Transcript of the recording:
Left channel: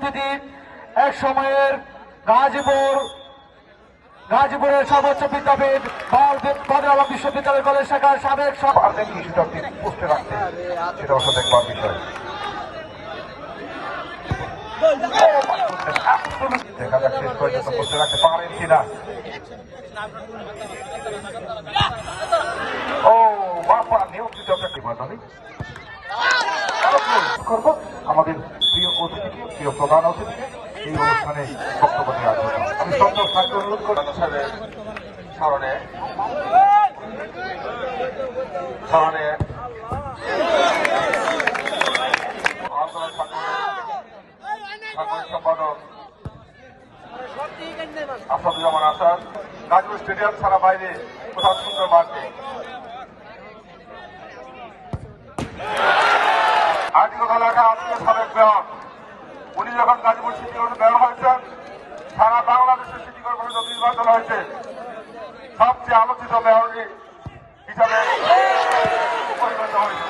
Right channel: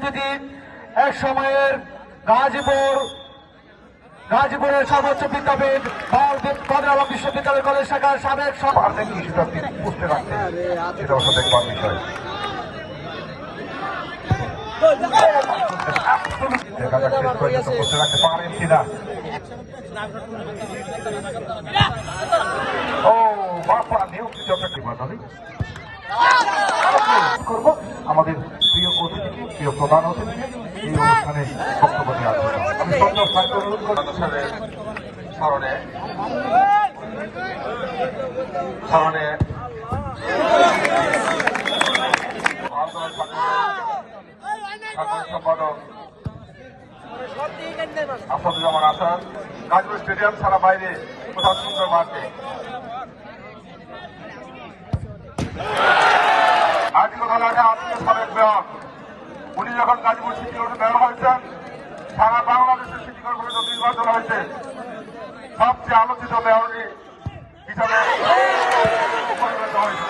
অতিথি এক সময়ের গাজীপুরের সর্বোচ্চ বিদ্যাপীঠ কাদের আলম বিশ্ববিদ্যালয় কলেজ শাখার সাবেক দেখা যাক শেষ পর্যন্ত বসে রাখতে পারেন কিনা। ও বাবা নিয়ন্ত্রিত কি বলবেন করব আমাদের প্রিয় অতিথিকে, প্রিয় প্রধান অতিথিকে এই অনুষ্ঠানে বক্তব্য দেওয়ার জন্য আমি সব ছাত্র অনুরোধ করব। সম্পাদক আসাদুজ্জামান আসাদ গাজীপুর স্টেডিয়াম ছাড়া বাইরে কোথাও সুন্দর মাঠে সাবেক মেয়র উনি যখন গাজীপুর সিটি মেয়র হয়েছেন সারা বাংলাদেশের সিটি কর্পোরেশন নির্বাচন হয়েছে সবচেয়ে আলোচিত মেয়র হিসাবে